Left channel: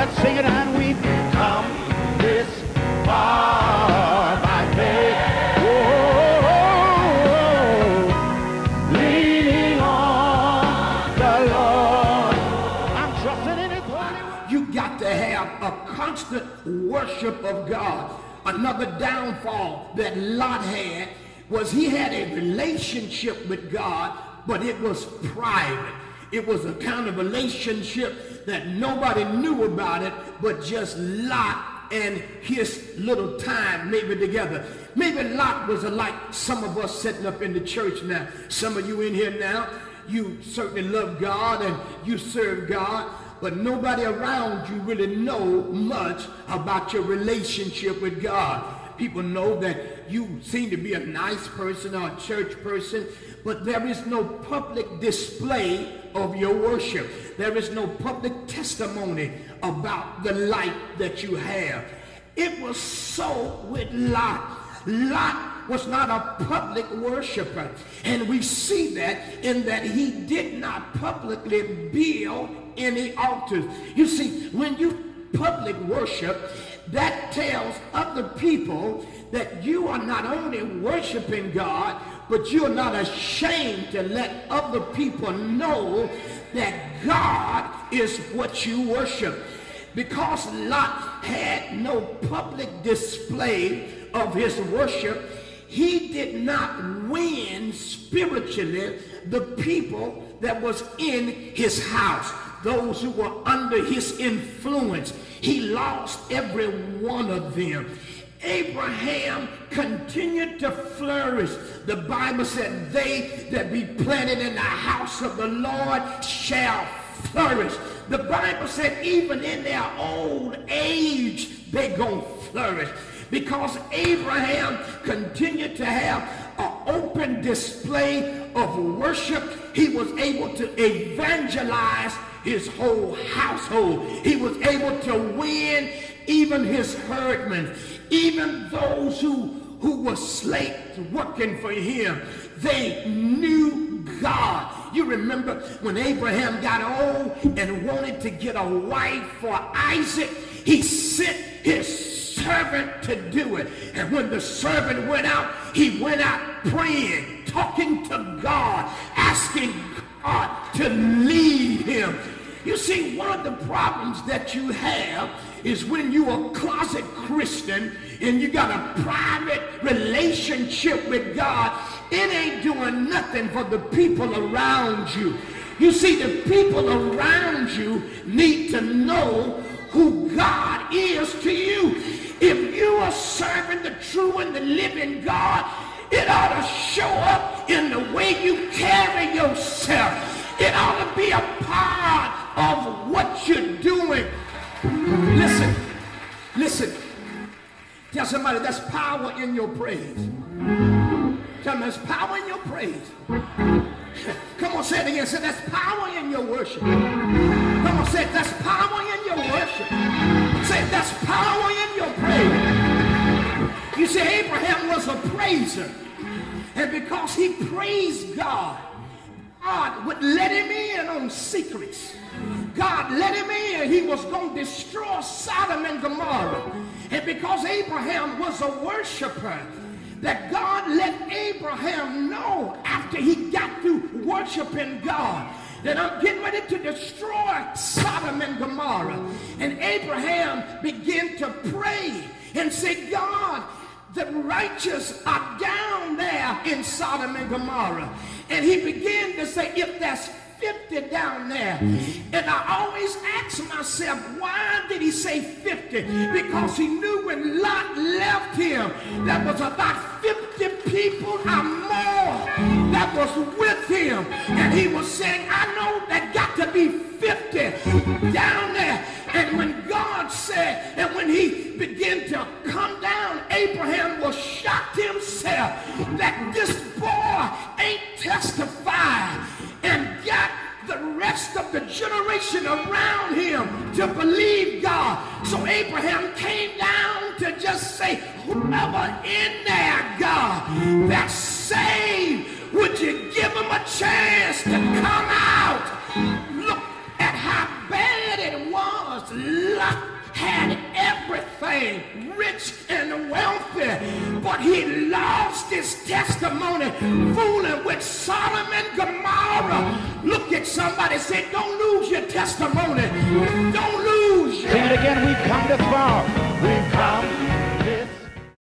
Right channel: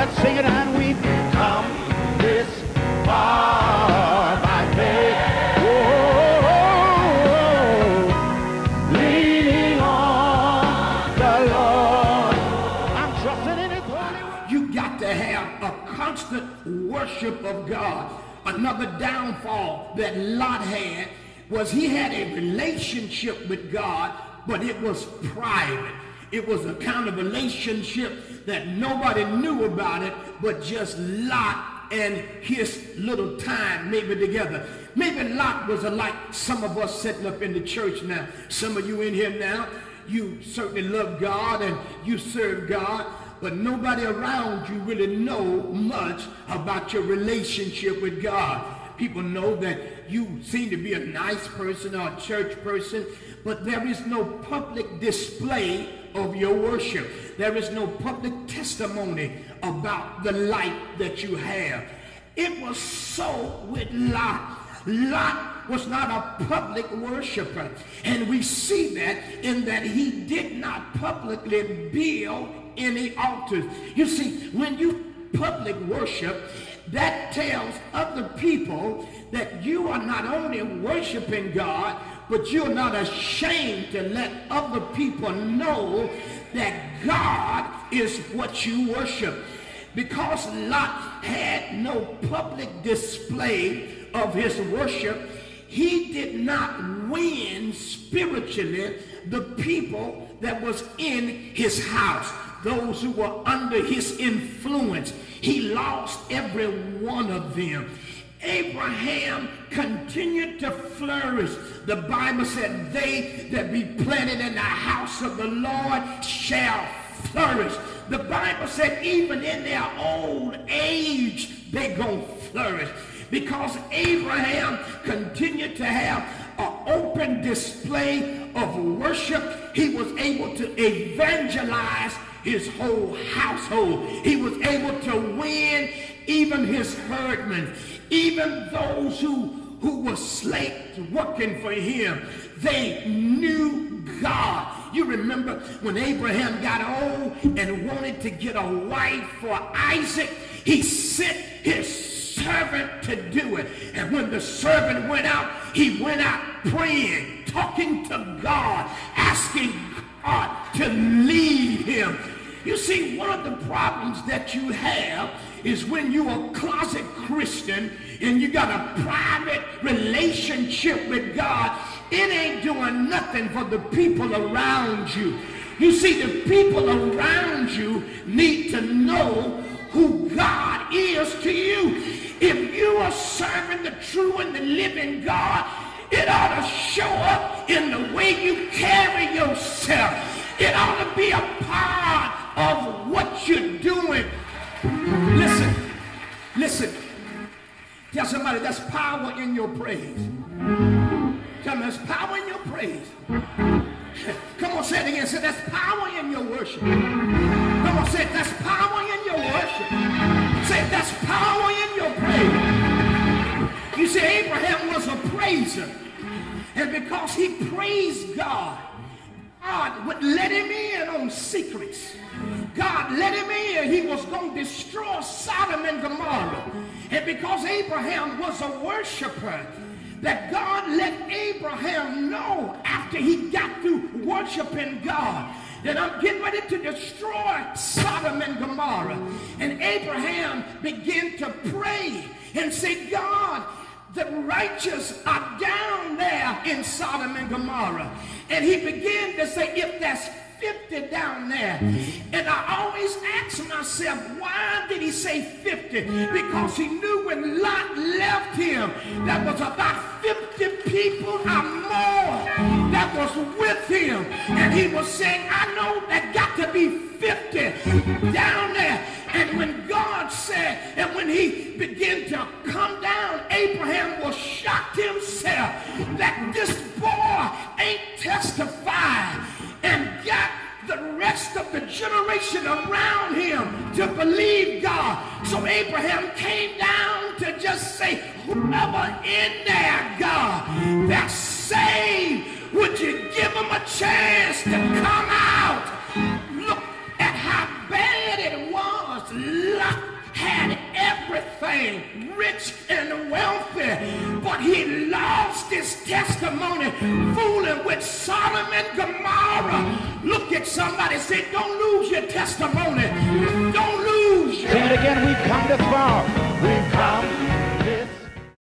Let's sing it, and we've come this far by faith. Oh, leaning on the Lord. I'm trusting in His holy word. You got to have a constant worship of God. Another downfall that Lot had was he had a relationship with God, but it was private. It was a kind of relationship that nobody knew about it, but just Lot and his little time maybe together. Maybe Lot was like some of us sitting up in the church now. Some of you in here now, you certainly love God and you serve God, but nobody around you really know much about your relationship with God. People know that you seem to be a nice person or a church person, but there is no public display of your worship. There is no public testimony about the life that you have. It was so with Lot. Lot was not a public worshiper, and we see that in that he did not publicly build any altars. You see, when you public worship, that tells other people that you are not only worshiping God, but you're not ashamed to let other people know that God is what you worship. Because Lot had no public display of his worship, he did not win spiritually the people that was in his house, those who were under his influence. He lost every one of them. Abraham continued to flourish. The Bible said, they that be planted in the house of the Lord shall flourish. The Bible said, even in their old age, they're going to flourish. Because Abraham continued to have an open display of worship, he was able to evangelize his whole household. He was able to win even his herdmen, even those who were slaves working for him. They knew God. You remember when Abraham got old and wanted to get a wife for Isaac, he sent his servant to do it. And when the servant went out, he went out praying, talking to God, asking God to lead him. You see, one of the problems that you have is when you're a closet Christian and you got a private relationship with God, it ain't doing nothing for the people around you. You see, the people around you need to know who God is to you. If you are serving the true and the living God, it ought to show up in the way you carry yourself. It ought to be a part of what you're doing. Listen. Tell somebody there's power in your praise. Tell them there's power in your praise. Come on, say it again. Say there's power in your worship. Come on, say there's power in your worship. Say there's power in your praise. You see, Abraham was a praiser. And because he praised God, God would let him in on secrets. God let him in. He was going to destroy Sodom and Gomorrah. And because Abraham was a worshiper, that God let Abraham know after he got through worshiping God that I'm getting ready to destroy Sodom and Gomorrah. And Abraham began to pray and say, God, the righteous are down there in Sodom and Gomorrah. And he began to say, if there's 50 down there. And I always ask myself, why did he say 50? Because he knew when Lot left him, there was about 50 people or more that was with him. And he was saying, I know that got to be 50 down there. And when God said, and when he began to come down, Abraham was shocked himself that this boy ain't testified and got the rest of the generation around him to believe God. So Abraham came down to just say, whoever in there, God, that's saved, would you give them a chance to come out? Look at how bad it was Lot had everything, rich and wealthy, but he lost his testimony fooling with Sodom and Gomorrah. Look at somebody, say, don't lose your testimony